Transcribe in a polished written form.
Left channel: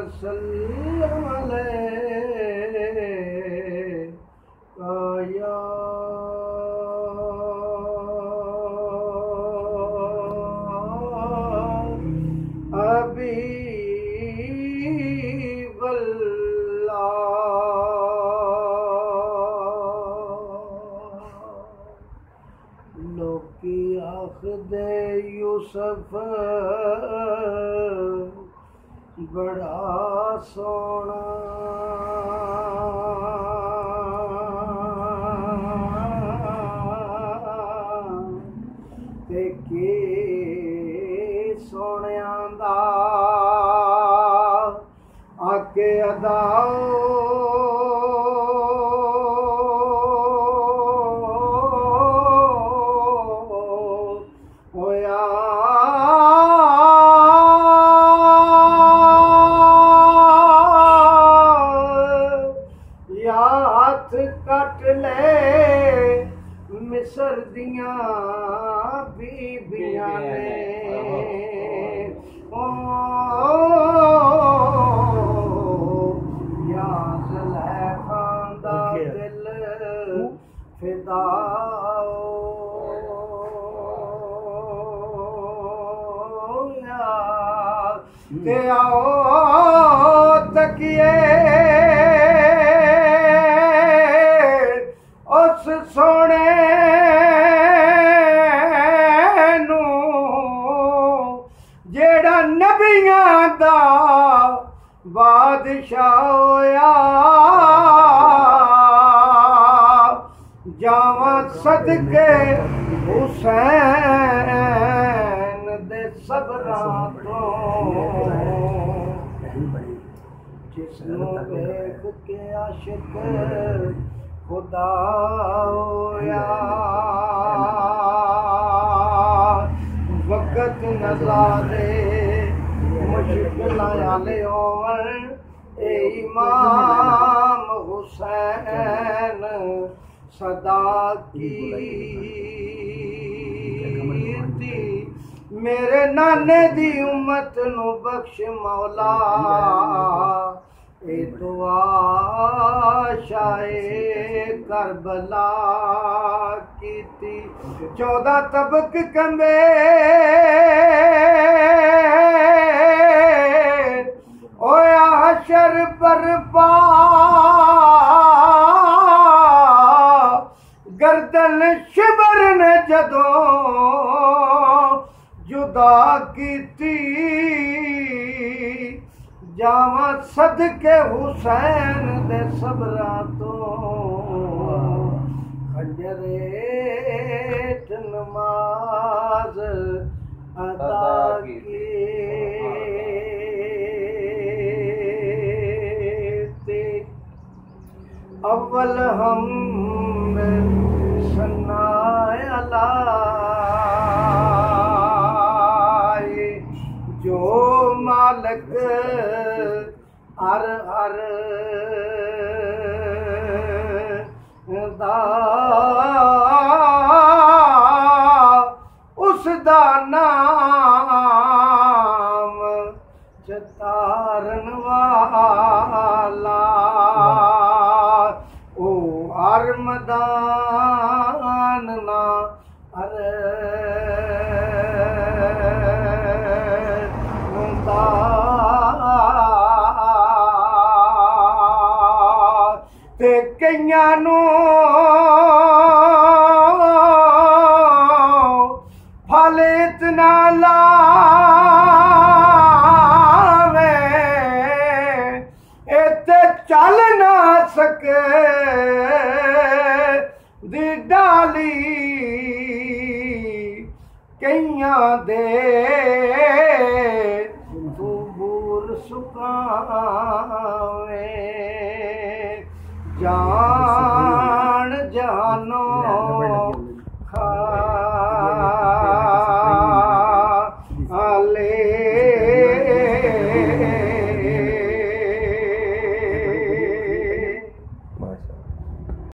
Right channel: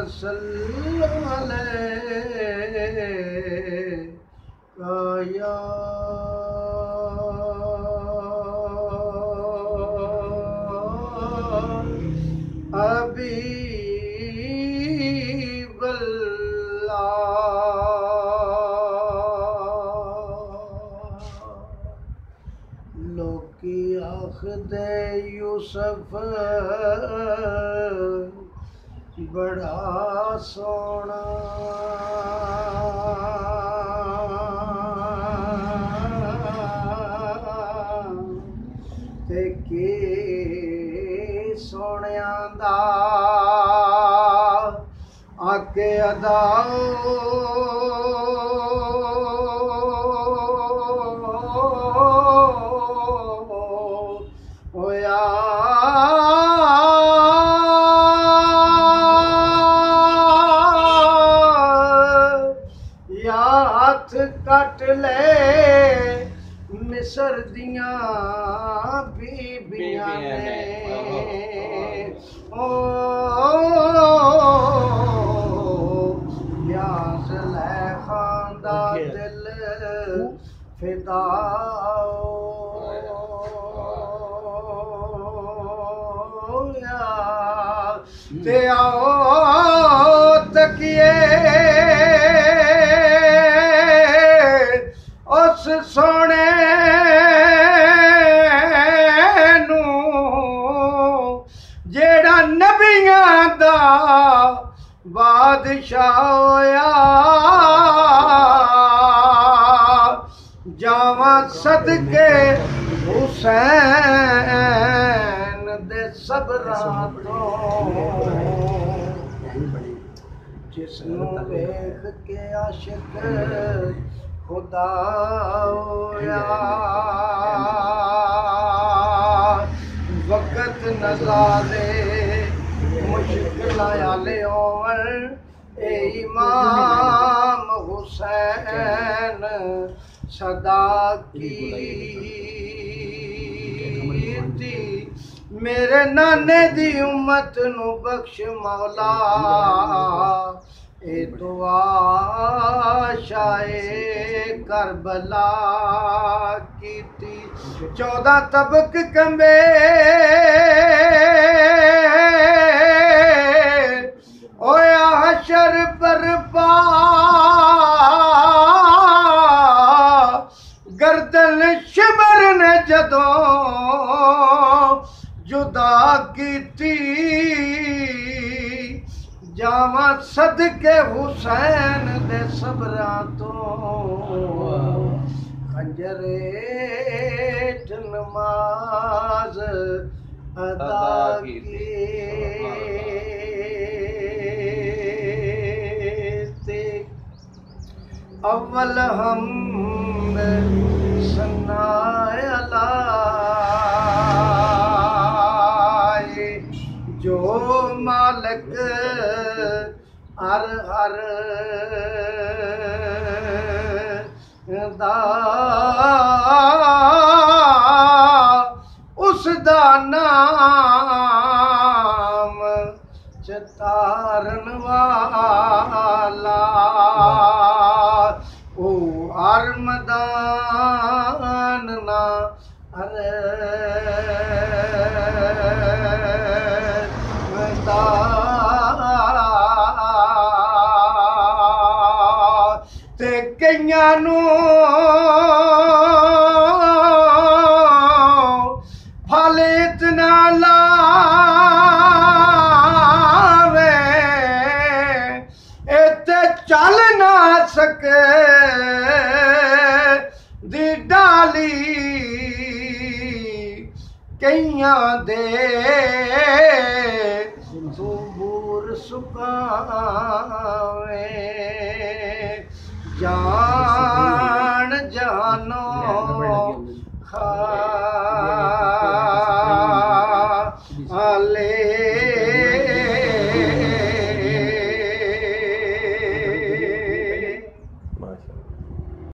वसल्लम अलैका या लोकी आखदे यूसुफ बड़ा सोना ते के सोनिया दा आके अदा कट ले मिस्र दियां बीबियां ने ओ या ज़ुलैखा दा दिल फिदा ते आओ तकिए उस सोने नू जेड़ा नबियां दा बादशाह होया जावा सदके हुसैन दे सबरां तो जिसनू वेख के आशिक खुदा होया वक्त नज़ारे मुश्किल आले ओवर ए इमाम हुसैन सदा की मेरे नाने दी उम्मत नु बख्श मौला ए दुआ शाए करबला कीती 14 तबक कंबे ओया हशर बरपा गर्दन शिबर ने जदों जुदा कीती जावा सदके हुसैन दे सबरां तो खंजरेट नमाज अदा की अव्वल हम सनाए अला जो मालिक हर हर दा उसदा नाम चतारन वाला ओ हर मैदान ना अरे ते कईयां नू फल इतना लावे इते चल ना सके दी डाली कईयां दे दूर सुकावे जान जानो खा